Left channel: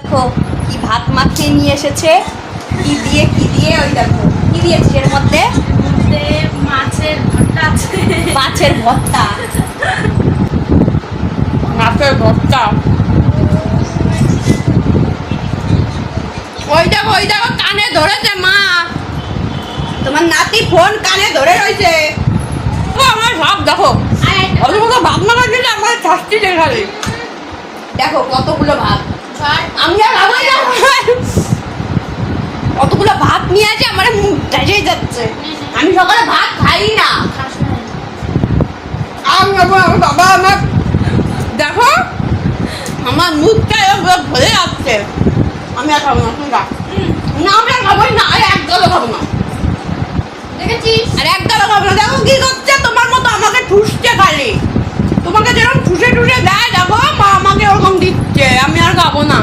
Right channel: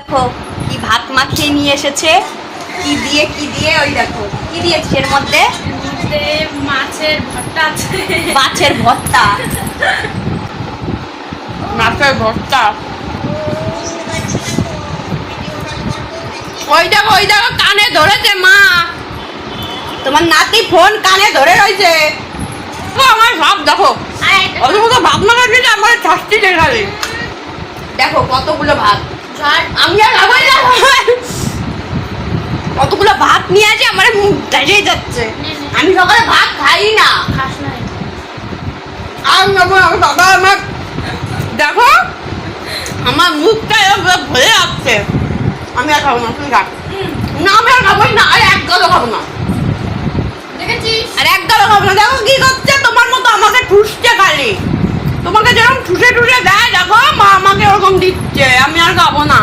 দেখো কি ভাত মাখিয়ে নিয়ে এসেছে, কি দিয়ে ওই দেখো কি দিয়েছে এর মধ্যে। মাছের ভর্তা আছে। মাছের ভর্তা, মাছের ভর্তা। ওই দেখো কানে ধরেছে মা, তোমার নাতি ফোন কানে ধরে রয়েছে। আমার সব দেখো অত মতো ভাত মাখা দিলে আমার শাস্তি দেখালে। দেখো কতগুলো ভাত, আমি আর খাবোই না। কতগুলো ভাত নিয়ে আছে, আমার মুখ ধরে যাচ্ছে। আমি সকালে ভাত খাই না। বাবা আমার দেখো আমার মুখটা এরকম ভরে যাচ্ছে। আমি আর খাবো না, তুমি খা। না আমি আর খাবোই না, আর এক গালও খাবো না। দেখেছিস? আর এক গালও খাবো না। দেখো কি করছে, তোমার মতো আমাকে ঠুসছে খালি। তোমাকে যেরকম ঠুসে ঠুসে দেয় দেখো, মা আমাকে ওরকম দিচ্ছে। আমি আর খাবো না।